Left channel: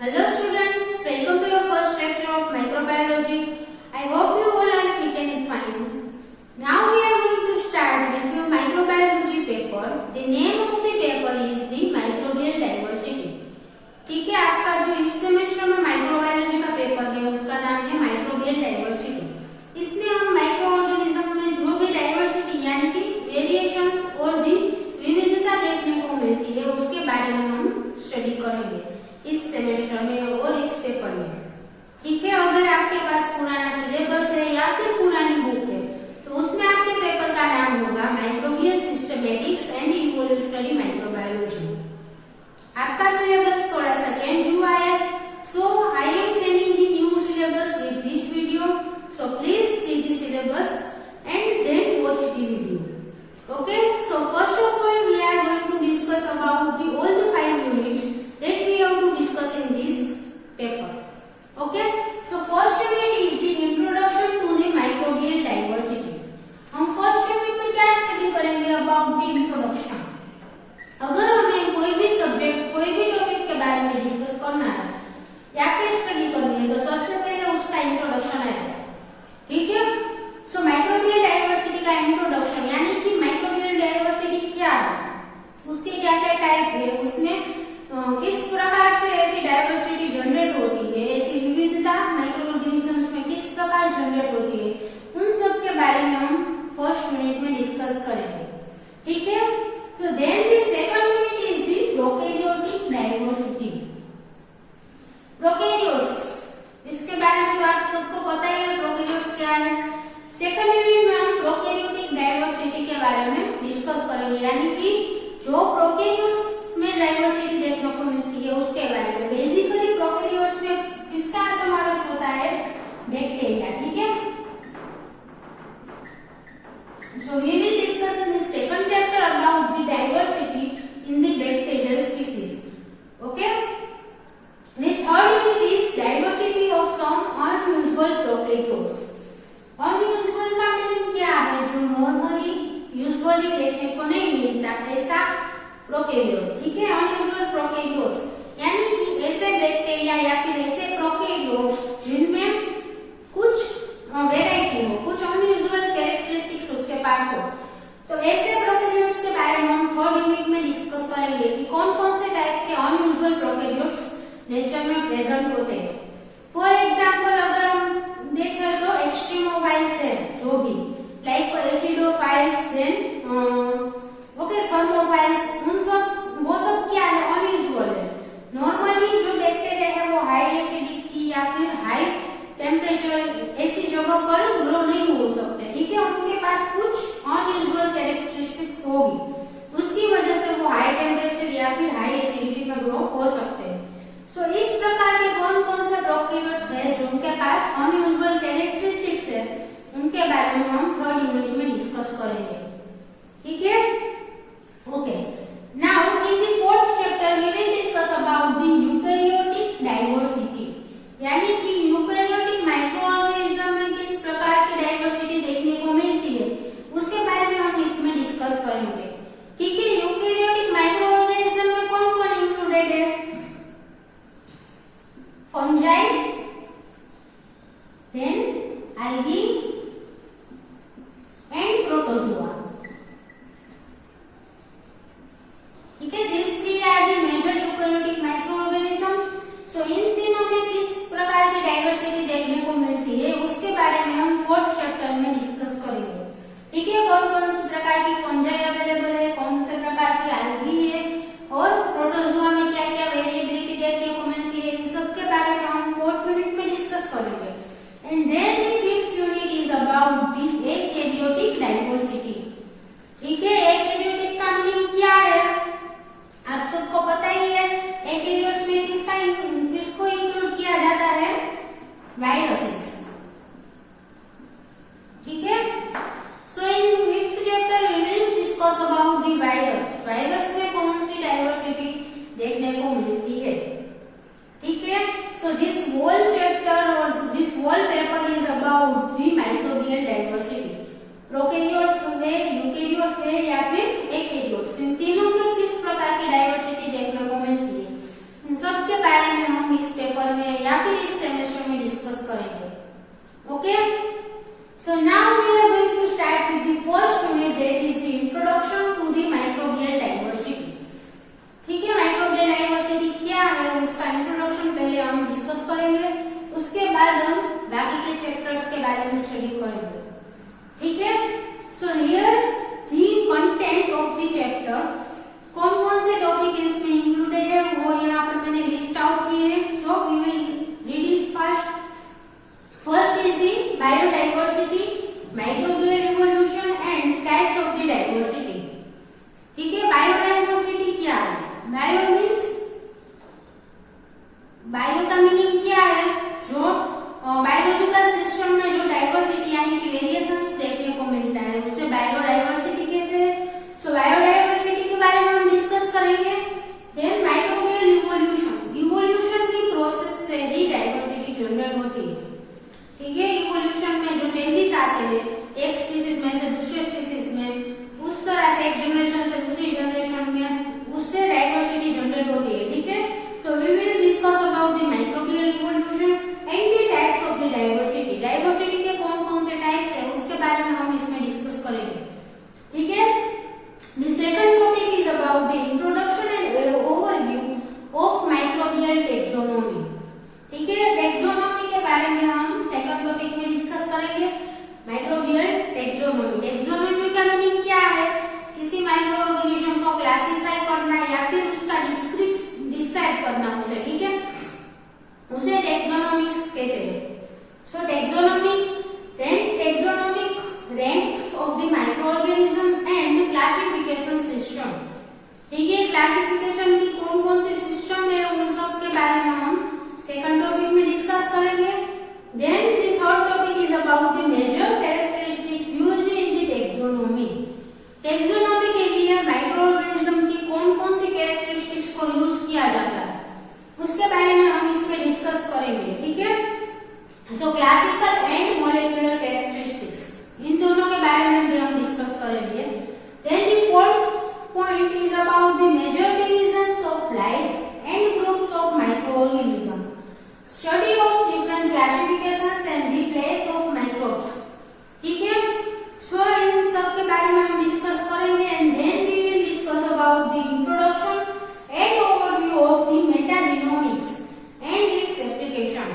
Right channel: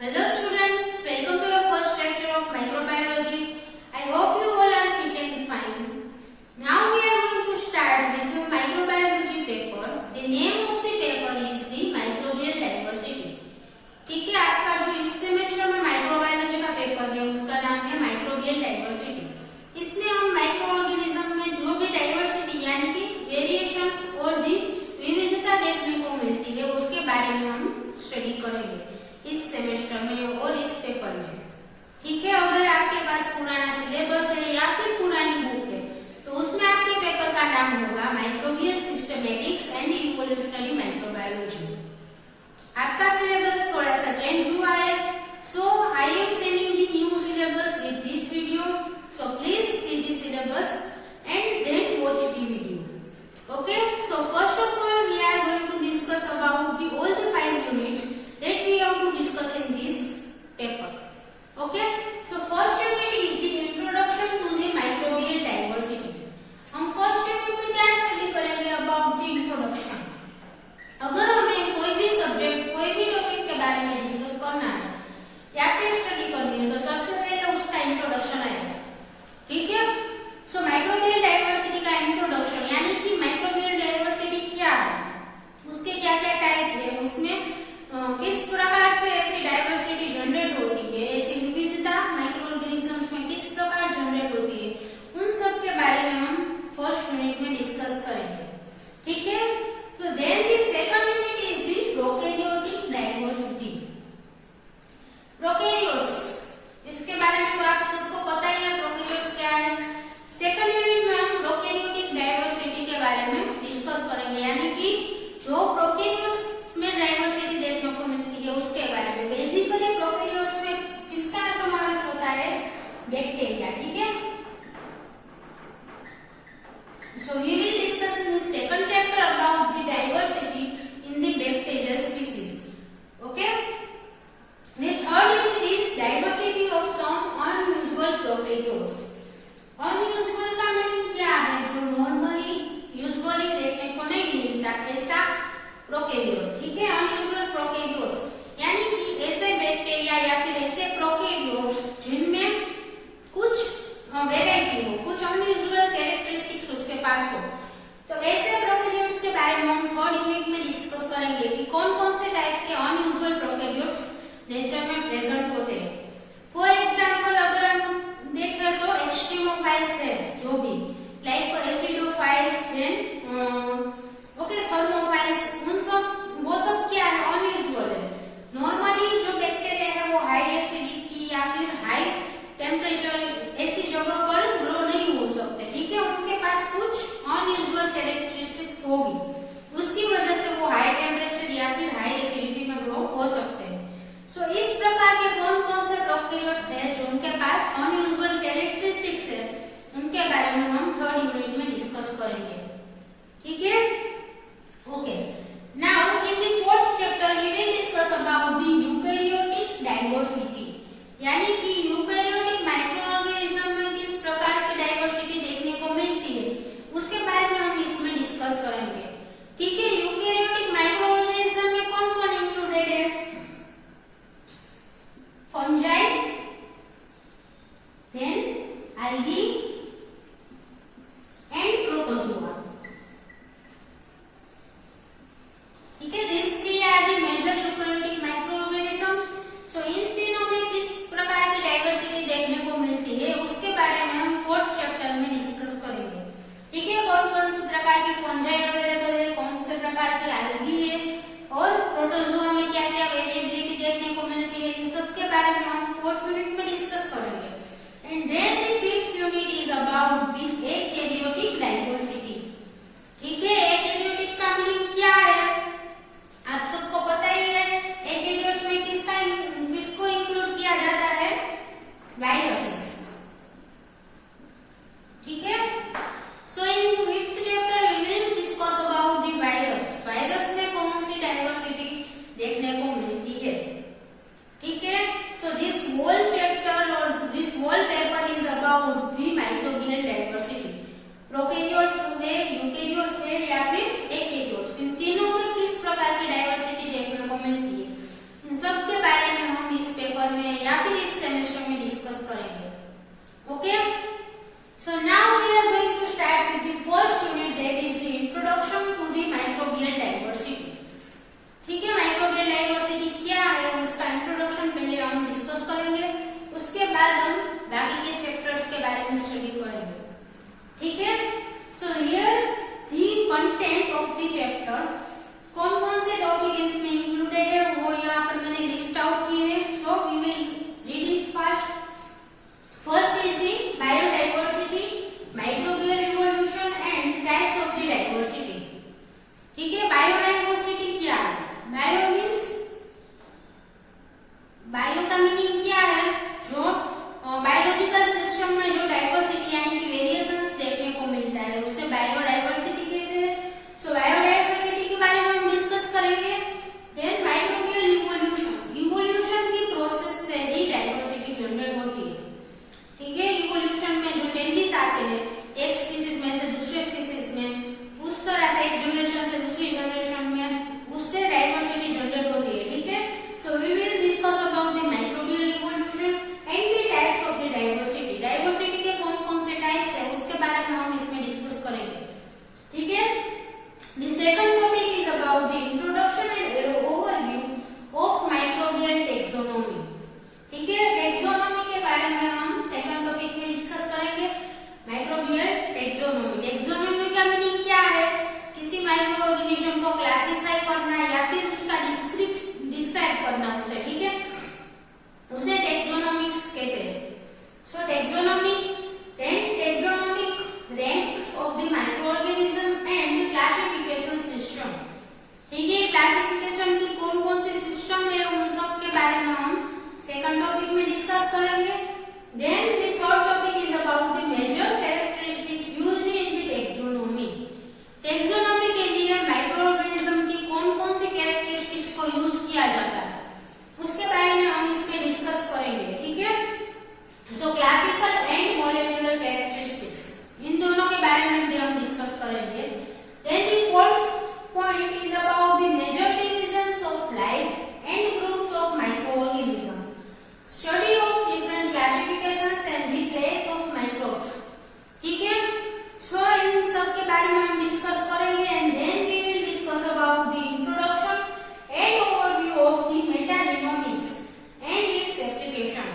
Hello students, welcome to your first lecture of microbiology. I hope you all are fit and fine. Now we are going to start with your microbiology paper. The name of the paper is the microbial diversity. ठीक है, आपका जो इस semester में microbiology का paper है उसका नाम है माइक्रोबियल डाइवर्सिटी। इसमें हम माइक्रो ऑर्गेनिज्म में जो भी डाइवर्सिटी यानी कि वेरिएशंस और दी विविधता देखने को मिलती है उसके बारे में हम स्टडी करेंगे इस सेमेस्टर में और इस पेपर में। ठीक है, अगर आपके पास पुराना सिलेबस है या फिर पुरानी बुक है तो उसमें आपके पेपर का नाम होगा microbial systematics and evolutionary microbiology. आपका सिलेबस थोड़ा सा चेंज हुआ है, so I am sending the new syllabus with this video, so please see the syllabus and then watch the video. Okay, so first of all we are going to discuss about all the 5 units that we have to discuss in this paper. Okay, so first unit is the introduction to the microbial diversity. हम first unit में क्या study करेंगे about the introduction. अगर हमें कोई भी subject कोई भी टॉपिक के बारे में डिस्कस करना है या फिर स्टडी करनी है तो सबसे पहले उसका इंट्रोडक्शन आएगा। ठीक है, सो माइक्रोबियल डाइवर्सिटी का इंट्रोडक्शन यानी कि माइक्रोबियल डाइवर्सिटी क्या है, उसके क्या क्या टाइप है, उसमें किस प्रकार से ऐसी डाइवर्सिटी जनरेट होती है, ऐसी विविधता माइक्रो ऑर्गेनिजम्स में किस प्रकार जनरेट होती है, उन सब के बारे में हम फर्स्ट यूनिट में डिस्कस करेंगे। ठीक है, तो then the second unit is the prokaryotic diversity. Prokaryotes, इसके बारे में तो आप सबको पता ही है प्रोकैरियोट्स क्या है। सेकंड यूनिट में हम प्रोकैरियोटिक डाइवर्सिटी के बारे में डिस्कस करेंगे यानी कि जो प्रोकैरियोट्स में डाइवर्सिटी देखने को मिलती है उसके बारे में। बेसिकली प्रोकैरियोट्स में किसका समावेश होता है, बैक्टीरिया। ठीक है, so we will discuss in the second chapter about the diversity in the bacterial species. Okay, the third unit is diversity of some unusual prokaryotes. Unusual का मीनिंग क्या है, जो नॉर्मली यूजुअली देखने को नहीं मिलता ऐसा प्रोकैरियोट। ठीक है, अनयूजुअल प्रोकैरियोट्स यानी कि ऐसे बैक्टीरिया या फिर ऐसे प्रोकैरियोट्स जिनमें कुछ वेराइटी हो, कुछ अनयूजुअल कैरेक्टरिस्टिक्स उसके पास हो, तो ऐसे प्रोकैरियोट्स के बारे में हम थर्ड यूनिट में डिस्कस करेंगे कि कौन कौन से टाइप के अनयूजुअल प्रोकैरियोट्स नेचर में प्रेजेंट होते हैं। फॉर एग्जाम्पल अगर हम देखें तो एक्सट्रीमोफाइल्स है जो भी, like acidophiles, then okay thermophiles, वो सब क्या है, अनयूजुअल है। नॉर्मली जो बैक्टीरिया है वो हाई एसिडिक की या फिर हाई टेम्परेचर ऐसी जगह पर ग्रो नहीं हो सकते। ठीक है, उनके पास कुछ अनयूजुअल कैरेक्टरिस्टिक होगी, उसकी वजह से वो हाई टेम्परेचर या फिर हाई एसिडिटी में ग्रो हो सकते हैं। सो इस प्रकार के कौन कौन से प्रोकैरियोट्स है जो उनके पास अनयूजुअल कैरेक्टरिस्टिक्स है उनके बारे में हम थर्ड यूनिट में डिस्कस करेंगे। ठीक है, okay, now in the fourth chapter we will discuss about the eukaryotic diversity यानी कि यूकैरियोटिक माइक्रो ऑर्गेनिज्म में किस प्रकार की डाइवर्सिटी देखने को मिलती है उसके बारे में हम इसमें डिस्कस करेंगे। ठीक है, यूकैरियोटिक माइक्रो ऑर्गेनिज्म में कौन कौन इंक्लूडेड है, fungi, then algae and protozoa. ठीक है, these three are the major eukaryotic microorganisms. So इन तीनों में किस प्रकार की डाइवर्सिटी देखने को मिलती है उसके बारे में हम फोर्थ चैप्टर में डिस्कस करेंगे। ठीक है, कौन कौन से प्रकार की फंजाई अवेलेबल है, कौन से प्रकार की algae है और प्रोटोजोआ में क्या क्या वेरिएबिलिटी देखने को मिलती है, इन सब के बारे में हम फोर्थ यूनिट में डिस्कस करेंगे। And then the fifth unit is about the eukaryotic diversity. ठीक है, eukaryotic का मीनिंग क्या है आप सबको पता ही है। eukaryotes में किसको इंक्लूड किया जाता है, वायरसेस। ठीक है, so in fifth chapter we will discuss about the virus. Virus में कौन सी डाइवर्सिटी देखने को मिलती है। ठीक है, सो दिस होल चैप्टर और this whole paper is about the microbial diversity. Prokaryotes हुए, यूकैरियोट्स है या फिर eukaryotes, इन तीनों में किस प्रकार की डाइवर्सिटी देखने को मिलती है, इन सब के बारे में हम इस हम डिस्कस करेंगे। उसके बाद हम बाकी के चैप्टर्स के बारे में स्टडी करेंगे, ठीक है। So here the content of the chapter, कौन कौन से टॉपिक इसमें इंक्लूडेड है वो यहाँ पर मैंने लिस्ट आउट किए हैं। So we will read it fast. First is the biodiversity, microbial evolution and types of the diversity, ठीक है। बायोडाइवर्सिटी क्या है? बायो मीन्स, बायो का मीनिंग क्या है? जो बायोलॉजिकल सिस्टम में जो डाइवर्सिटी यानी कि वेरिएशंस देखने को मिलता है उसे बायोडाइवर्सिटी कहते हैं। सो बायोडाइवर्सिटी के बारे में हम डिस्कस करेंगे। देन माइक्रोबियल इवोल्यूशन, इवोल्यूशन की प्रोसेस से ही डाइवर्सिटी जनरेट होती है, ठीक है। इवोल्यूशन में जो चेंजेस आते हैं एक स्पीसीज में से दूसरे स्पीसीज में, उस तरह से एक जनरेशन से दूसरी जनरेशन में, उससे डाइवर्सिटी जनरेट होती है, ठीक है। So we will discuss about the microbial evolution and the types of the diversity. Diversity के कौन कौन से टाइप्स है उसके बारे में हम इसमें डिस्कस करेंगे, ठीक है। The second topic is about the introduction and overview of microbial taxonomy, ठीक है। टेक्सोनोमी के बारे में हम सेकंड टॉपिक में डिस्कस करेंगे। माइक्रोबियल टेक्सोनोमी, टेक्सोनोमी का मीनिंग क्या है? किसी माइक्रो ऑर्गेनिज्म को क्लासिफाई करना या फिर उसका डिस्क्राइब करना उसे, ठीक है, उसे टेक्सोनोमिक्स कहते हैं। So taxonomy, then taxonomic ranks of the micro organism and classification system, ठीक है। क्लासिफिकेशन की कौन कौन सी सिस्टम है उन सब के बारे में हम सेकंड टॉपिक में डिस्कस करेंगे। Then the third topic is about the major characteristics used in the taxonomy. Taxonomy के लिए माइक्रो ऑर्गेनिज्म की कौन कौन सी कैरेक्टरिस्टिक्स को यूज किया जाता है उसके बारे में हम इसमें डिस्कस करेंगे, ठीक है। So classical and molecular characteristics, इन दोनों के बारे में भी हम डिस्कस करेंगे। Then the fourth point is about the major divisions of life and groups of micro organism, study of different classifications and the place of microbes, ठीक है। सो इन सब के बारे में हम डिस्कस करेंगे and then we will discuss about the introduction and overview of the metagenomics and its application.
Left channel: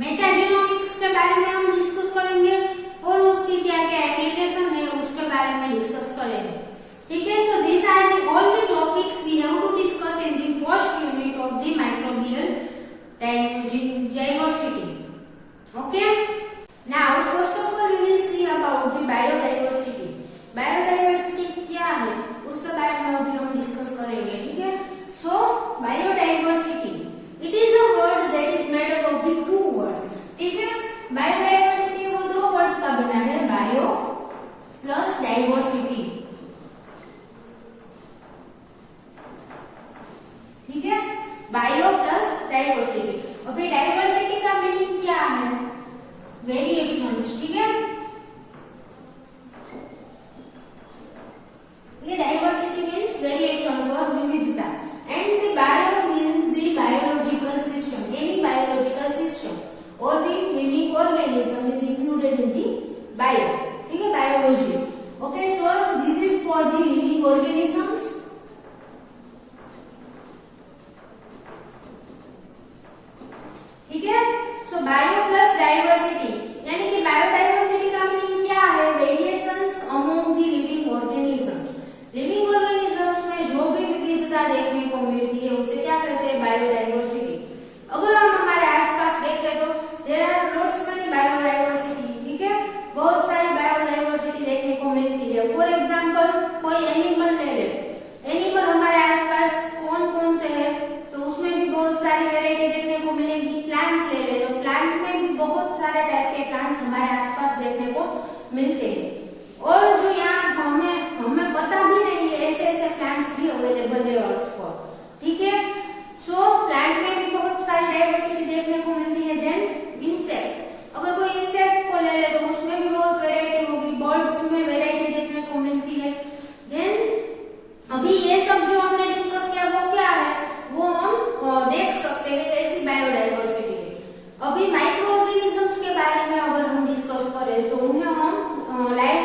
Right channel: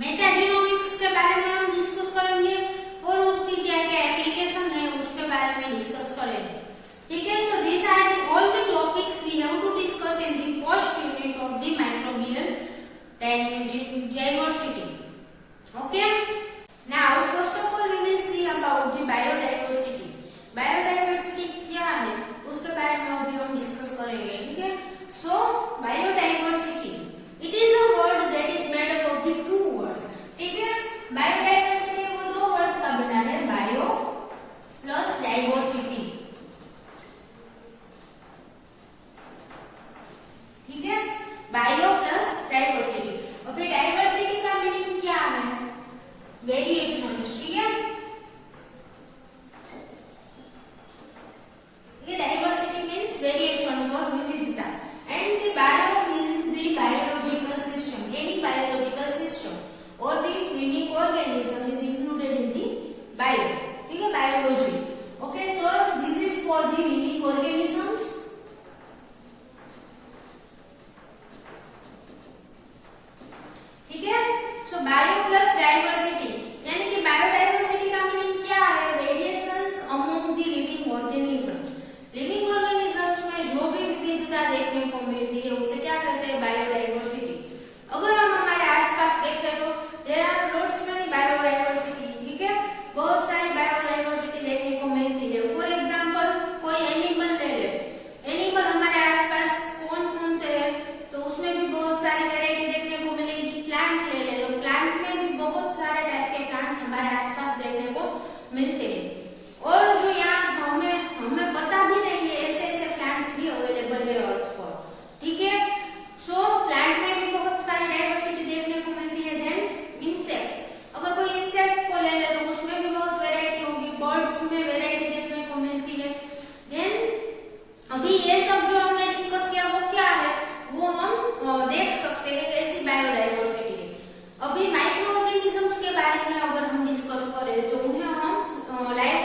Metagenomics के बारे में हम डिस्कस करेंगे और उसकी क्या क्या एप्लीकेशन है उसके बारे में डिस्कस करेंगे, ठीक है। So this are the all the topics we have to discuss in the first unit of the microbial diversity, okay. Now first of all we will see about the biodiversity. Biodiversity क्या है उसके बारे में अभी हम discuss करेंगे, ठीक है। So biodiversity, it is a word that is made up of the two words, ठीक है। Biodiversity वो दो वर्ड्स का बना है, bio plus diversity, ठीक है। bio plus diversity। अभी डाइवर्सिटी का मीनिंग क्या है? वेरिएशंस, ठीक है। ये डाइवर्सिटी मीन्स वेरिएशंस और विविधता and the bio means the biological system, any biological system और the living organism is included in the bio, ठीक है, biology, okay. So this is for the living organisms, ठीक है। सो बायो प्लस डाइवर्सिटी यानी कि biodiversity का meaning क्या है? Variations among the living organisms. Living organisms में जो भी विविधता देखने को मिलती है उसे क्या कहते हैं? बायोडाइवर्सिटी। अगर हम हमारे आसपास देखें तो there are lots many biodiversity, ठीक है, बहुत सारी बायोडाइवर्सिटी देखने को मिलती है। फॉर एग्जांपल कोई एनिमल ले ले, एनिमल हमारे आसपास कौन कौन से है तो उसमें भी बहुत सारी वैरायटी देखने को मिलेगी। प्लांट्स ले ले तो प्लांट में भी बहुत सारे टाइप के प्लांट्स हमारे आसपास देखने को मिलते हैं और जो यहाँ हमें पता भी नहीं है ऐसे ऐसे प्लांट्स भी अवेलेबल है अर्थ पर, ठीक है। सो प्लांट में भी बहुत सारी डाइवर्सिटी देखने को मिलती है। देन इंसेक्ट, अगर कोई इंसेक्ट को ले ले तो उसमें भी बहुत वैरायटी होगी, बर्ड्स में वैरायटी देखने को मिलती है। देन अभी ये सब जो हमने डिस्कस किया वो क्या है वो हम देख सकते हैं, ऐसी बायोडाइवर्सिटी है। अभी माइक्रो ऑर्गेनिजम्स के बारे में अगर हम डिस्कस करें तो उन्हें हम लाइव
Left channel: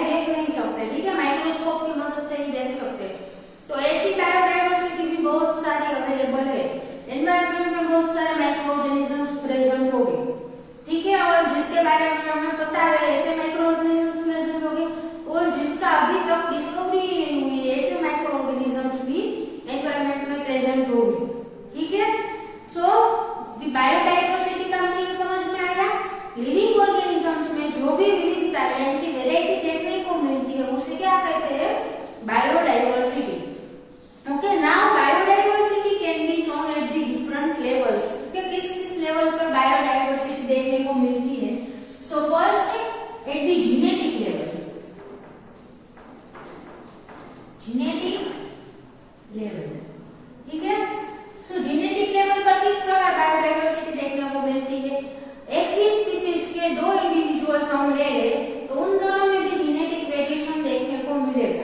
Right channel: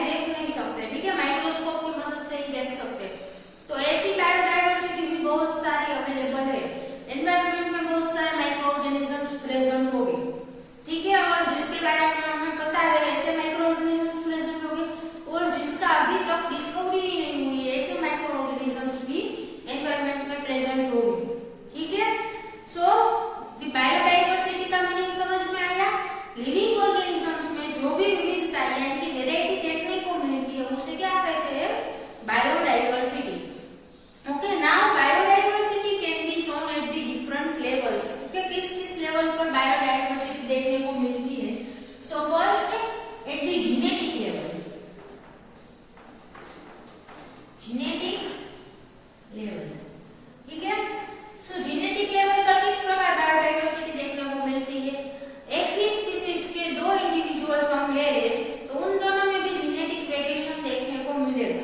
बायोडाइवर्सिटी का मीनिंग समझ में आया? लिविंग ऑर्गेनिजम्स में जो भी विविधता यानी कि वेराइटी देखने को मिलती है उसे क्या कहते हैं? Biodiversity. Okay, now biodiversity can be shown at the different levels. Okay, किस किस लेवल पर बायोडाइवर्सिटी देखने को मिलती है? So first at the genetic level. Genetic level, ठीक है। सो जेनेटिक लेवल पर किस प्रकार बायोडाइवर्सिटी देखने को मिलती है? एक ही स्पीसीज के दो इंडिविजुअल्स हम ले ले तो उन दोनों में भी जेनेटिक वेरिएशन देखने को मिलेगा,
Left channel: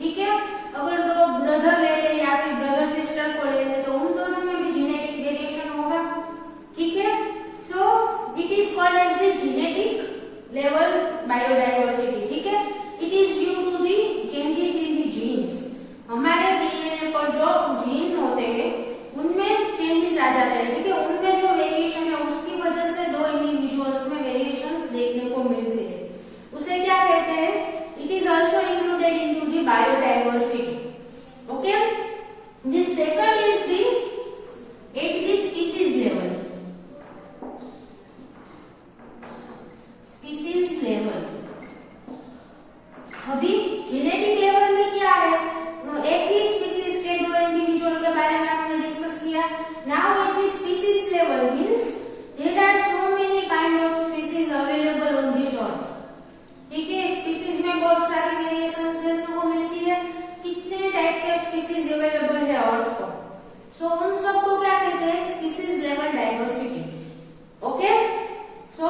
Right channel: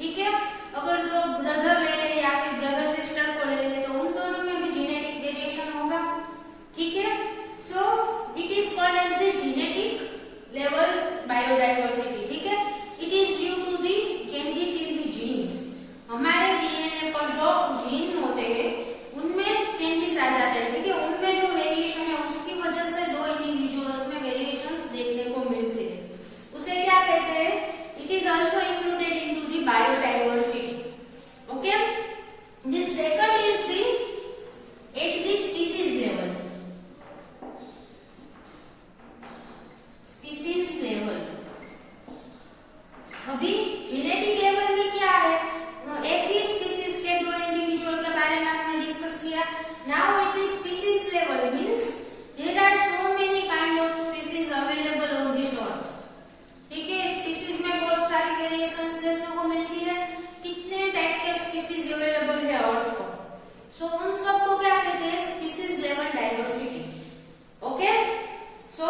ठीक है। अगर दो ब्रदर ले ले या फिर ब्रदर सिस्टर को ले ले तो उन दोनों में भी जेनेटिक वेरिएशन होगा, ठीक है। So it is called as the genetic level biodiversity, ठीक है। It is due to the changes in the genes. हमारे डीएनए पर जो जीन होते हैं उनमें चेंजेस आ जाते हैं, ठीक है। उनमें जो वेरिएशन है उसकी वजह से दो इंडिविजुअल्स में वेरिएशंस देखने को मिलते हैं, उसे क्या कहते हैं? It is also included into the biodiversity. Okay, this second is the eight the species level. Species level, अभी जेनेटिक लेवल में क्या है? एक ही स्पीसीज के दो इंडिविजुअल के बारे में हमने डिस्कस किया। Now at the species level means there are so many kind of species available on this earth, ठीक है। स्पीसीज में बहुत सारी वेरिएशंस देखने को मिलती है। कितने टाइप के स्पीसीज अवेलेबल है अर्थ पर, सो उन सबको क्या कहते हैं? Species level diversity. Okay, so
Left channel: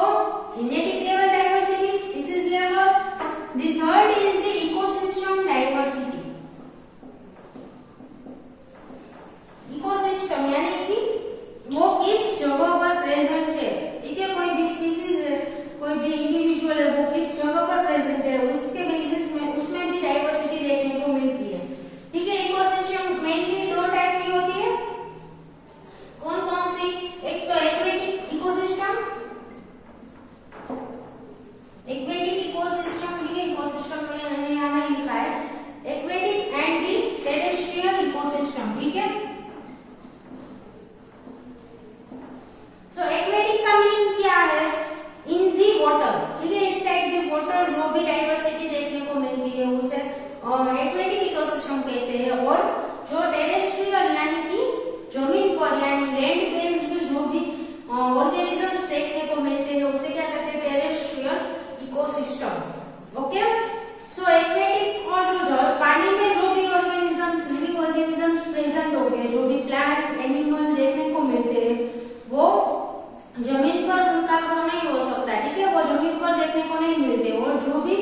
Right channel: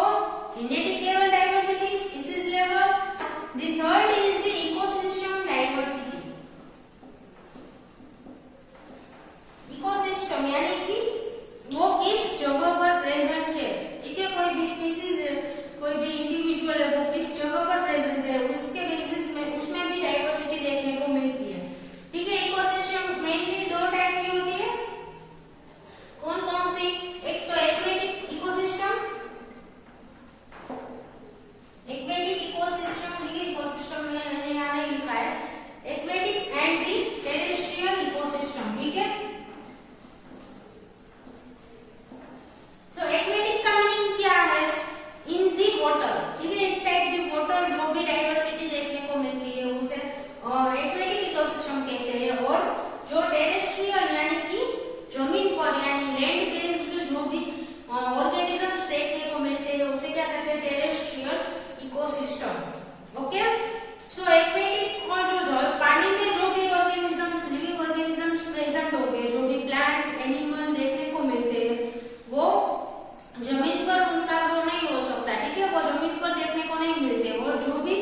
genetic level diversity, species level. The third is the ecosystem diversity. Ecosystem यानी कि वो किस जगह पर प्रेजेंट है, ठीक है। कोई भी स्पीसीज है, कोई भी इंडिविजुअल है, वो किस जगह पर प्रेजेंट है उसके बेसिस में उसमें भी डाइवर्सिटी देखने को मिलती है, ठीक है। इकोसिस्टम मेनली दो टाइप की होती है। कौन कौन सी? एक तो एक्वेटिक इकोसिस्टम, एक्वेटिक इकोसिस्टम, ठीक है। इकोसिस्टम में यहाँ नहीं लिखा है, aquatic and the terrestrial ecosystem, ठीक है। सो एक्वेटिक का मीनिंग क्या है? इन दी वाटर, ठीक है। इनसाइड दी वाटर जो भी डाइवर्सिटी देखने को मिलती है उसे एक्वेटिक इकोसिस्टम कहते हैं। और जो टेरेस्ट्रियल यानी कि जमीन पर यानी लैंड बेस्ड जो भी ऑर्गेनिजम्स देखने को मिलते हैं उसे क्या कहते हैं? Terrestrial ecosystem. ओके, सो एक्वेटिक को जो पानी में जो भी ऑर्गेनिजम्स, लिविंग ऑर्गेनिजम्स प्रेजेंट हो गए, जो भी प्लांट एनिमल देखने को मिलते हैं वो जमीन पर उनका ग्रो नहीं हो सकता, ठीक है। वो जमीन पर देखने को नहीं मिलते। और जो भी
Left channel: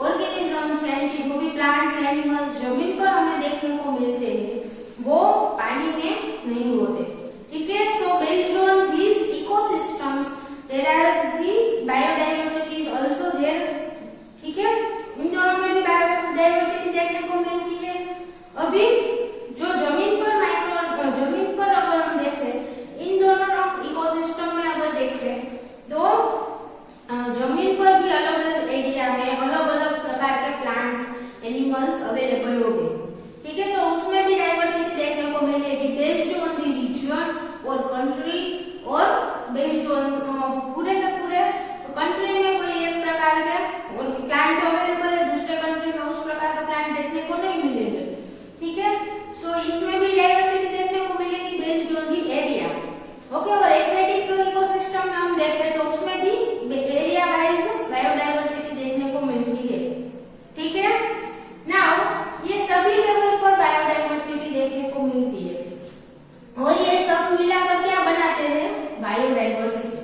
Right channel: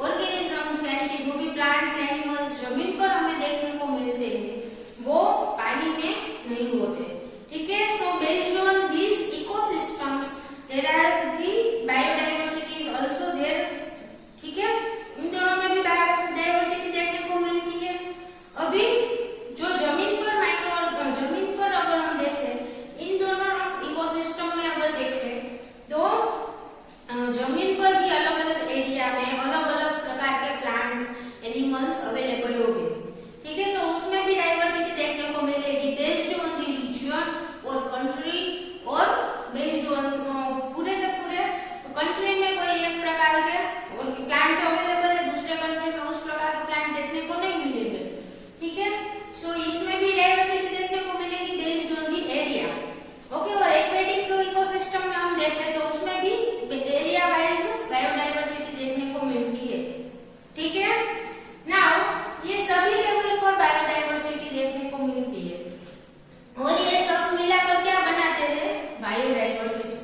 ऑर्गेनिजम्स यानी कि जो भी प्लांट्स एनिमल्स जमीन पर हमें देखने को मिलते हैं वो पानी में नहीं होते, ठीक है। So based on this ecosystems there are the biodiversity is also there, ठीक है। इन दोनों में भी बायोडाइवर्सिटी देखने को मिलती है। अभी जो जमीन पर जमीन पर अगर हम देखें, इन दोनों इकोसिस्टम में अगर देखें तो जमीन पर भी अलग अलग एरिया में अलग अलग प्रकार के प्लांट्स एनिमल्स अवेलेबल होंगे, ठीक है। तो उसमें भी डाइवर्सिटी देखने को मिलेगी बेस्ड ऑन द रीजन और कंट्री, और बेस्ड ऑन पूरे के पूरे कंट्री में कोई एक प्रकार के प्लांट अवेलेबल है, दूसरे कंट्री में उस प्रकार के प्लांट देखने को नहीं मिलेंगे, ठीक है। सो इसमें भी डाइवर्सिटी देखने को मिलेगी based on the area. Okay, और एक्वेटिक इकोसिस्टम में हम देखते हैं तो उसमें भी एरिया वाइज बायोडाइवर्सिटी देखने को मिलती है, ठीक है। नाउ ये सभी लेवल पर बायोडाइवर्सिटी देखने को मिलती है और ये सब मिलाकर क्या बनाते हैं? बायोडाइवर्सिटी,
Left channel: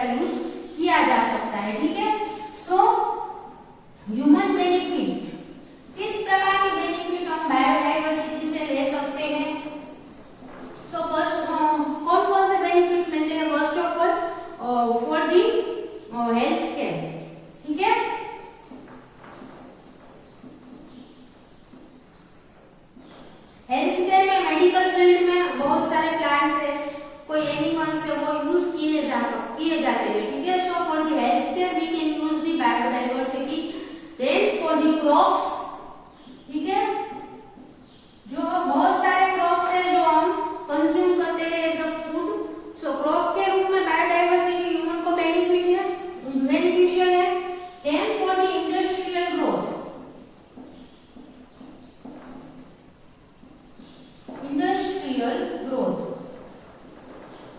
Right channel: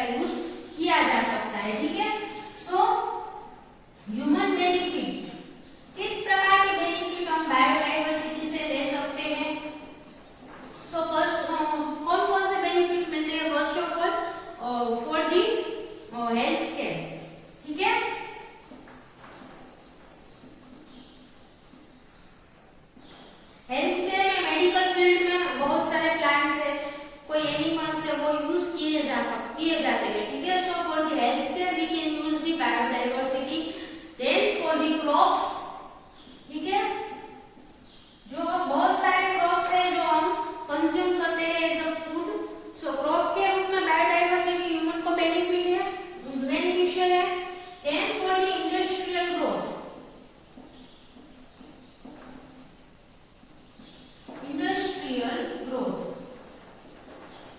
का यूज किया जा सकता है, ठीक है। सो ह्यूमन बेनिफिट, किस प्रकार के बेनिफिट हम बायोडाइवर्सिटी से ले सकते हैं? तो फर्स्ट कौन कौन से बेनिफिट्स मिलते हैं? First of all for the health care, ठीक है। हेल्थ केयर में मेडिकल फील्ड में बहुत सारे प्लांट्स है, कोई एनिमल्स है, वो यूज किए जाते हैं, ठीक है। So for the health care we can use the biodiversity. Then for the crops, ठीक है, जो बहुत सारे क्रॉप्स है जो हम कंज्यूम करते हैं as a food, so crop के रूप में बायोडाइवर्सिटी ह्यूमन को बेनिफिशियल है। Then for the industrial growth,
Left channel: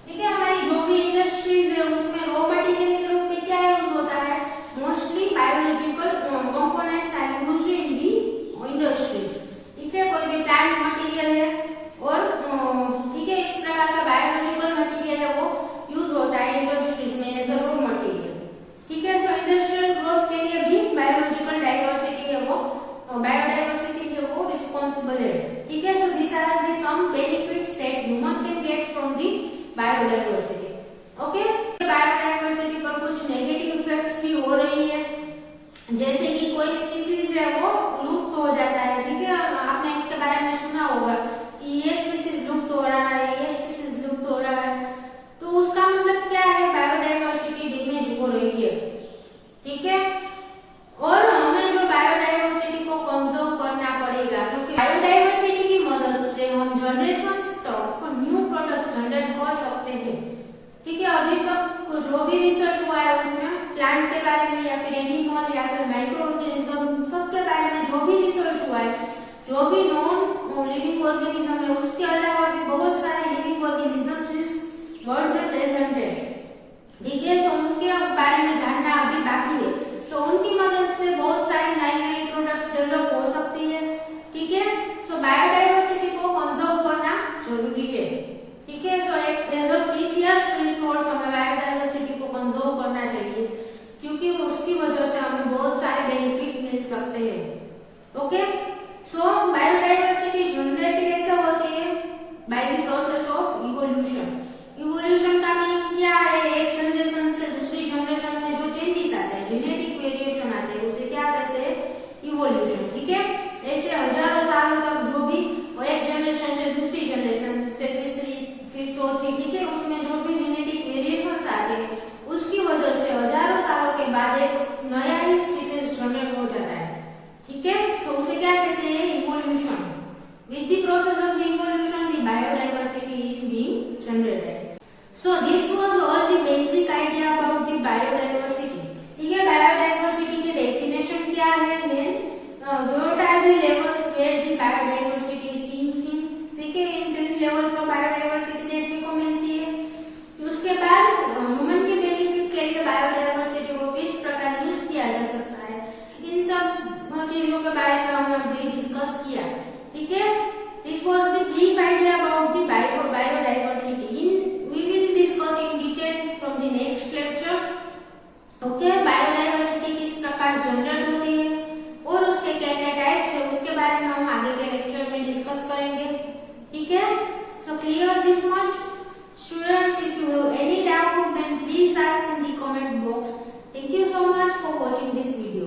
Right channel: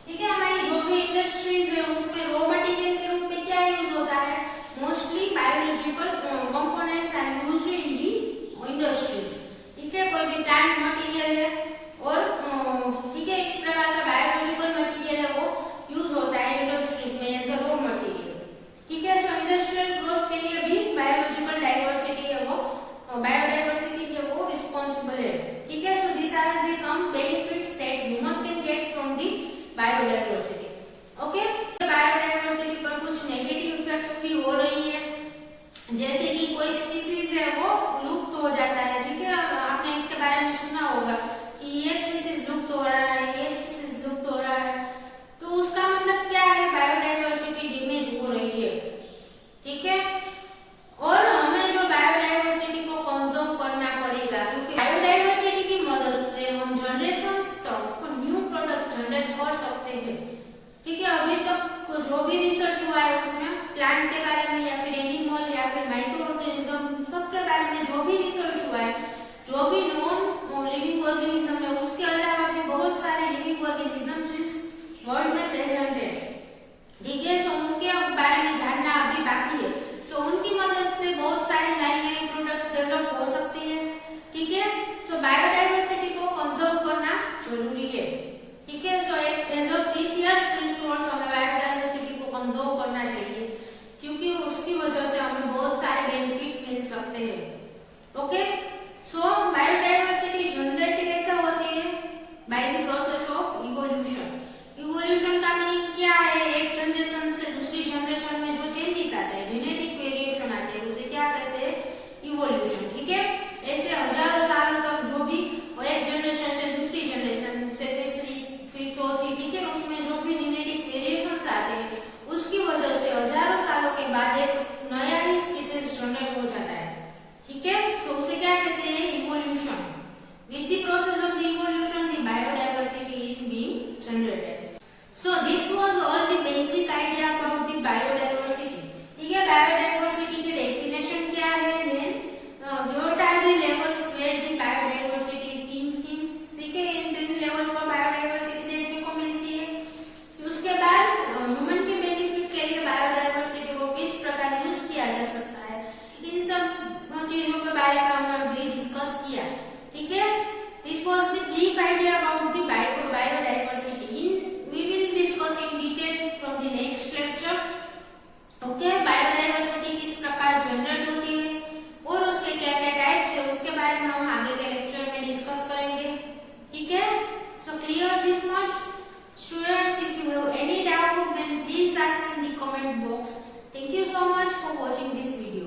ठीक है, हमारी जो भी इंडस्ट्रीज है उसमें रॉ मटेरियल के रूप में क्या यूज होता है? Mostly biological components are used in the industries, ठीक है। कोई भी प्लांट मटेरियल है और ठीक है, इस प्रकार का बायोलॉजिकल मटेरियल है वो यूज होता है इंडस्ट्रीज में एज अ रॉ मटेरियल, ठीक है। सो इंडस्ट्रियल ग्रोथ के लिए भी बायोलॉजिकल डाइवर्सिटी है वो बायोडाइवर्सिटी है वो रिस्पॉन्सिबल है, ठीक है। So this are the some benefits that human can get from the biodiversity, okay. Biodiversity पर कुछ नेगेटिव इफेक्ट्स भी हो रही है, जैसे कि कोई स्पीसीज है वो लुप्त हो जाता है, ठीक है। आपने इसके बारे में सुना होगा कि ये स्पीसीज लुप्त हो रहा है, ये स्पीसीज लुप्त हो रहा है, तो उसका मतलब क्या है? बायोडाइवर्सिटी डैमेज हो रही है, ठीक है। और हमें जो बायोडाइवर्सिटी को कंजर्व करना पड़ेगा, क्योंकि बायोडाइवर्सिटी की मदद से हम जनरेशन तक न्यू प्रोडक्ट जनरेट कर सकते हैं, ठीक है। अभी तक जो भी रिसर्च हुआ है उसमें प्लांट के बारे में या फिर एनिमल या फिर माइक्रो ऑर्गेनिज्म सबके बारे में जो भी रिसर्च हुआ है, जो भी नॉन लिविंग ऑर्गेनिज्म है, उसके अलावा भी बहुत सारे लिविंग ऑर्गेनिज्म इस वर्ल्ड में प्रेजेंट है, ठीक है। तो उनके बारे में जानना अभी बाकी है, तो उनकी मदद से बहुत सारी नई प्रोडक्ट्स डेवलप हो सकती है, ठीक है। सो बायोडाइवर्सिटी को कंजर्व करना जरूरी है, ठीक है। So as a precious resource हमें बायोडाइवर्सिटी को कंजर्व करना चाहिए, क्योंकि उसकी वजह से हमें बहुत सारे बेनिफिट मिल सकते हैं, ओके। सो बायोडाइवर्सिटी जनरेट कैसे होती है? By the process of evolution. Evolution का मीनिंग क्या है? एक जनरेशन से दूसरी जनरेशन में जो चेंजेस आते हैं, जेनेटिक वेरिएशन आते हैं, उसे क्या कहते हैं? इवोल्यूशन, ठीक है। ऐसे हजारों सालों तक जो भी एक जनरेशन से दूसरी जनरेशन से तीसरी फिर चौथी, ठीक है, उसमें जो भी जेनेटिक वेरिएशंस आते हैं उसकी वजह से हजारों सालों के बाद एक नया ही स्पीसीज जनरेट हो जाता है, ठीक है। तो उसे क्या कहते हैं? Evolution. With the process of the evolution the biodiversity is being generated. So this was all the basic idea about the biodiversity, ठीक है। बायोडाइवर्सिटी की डेफिनेशन क्या है? What are the levels where the biodiversity is being seen, ठीक है। इन 3 level पर biodiversity देखने को मिलती है। उसके बाद ह्यूमन के बेनिफिट के लिए बायोडाइवर्सिटी को किस प्रकार यूज किया जा सकता है, इन सब चीजों के बारे में हमने अभी डिस्कस किया, ठीक है। This was the brief idea about the biodiversity. We will discuss in detail from the next lecture, okay. Biodiversity किस प्रकार जनरेट होती है और उसके क्या क्या टाइप्स है उसके बारे में हम आगे के लेक्चर में डिस्कस करेंगे, ठीक है। So clear this much students? If you have any doubt then please ask in the comment box. Thank you so much for watching this video.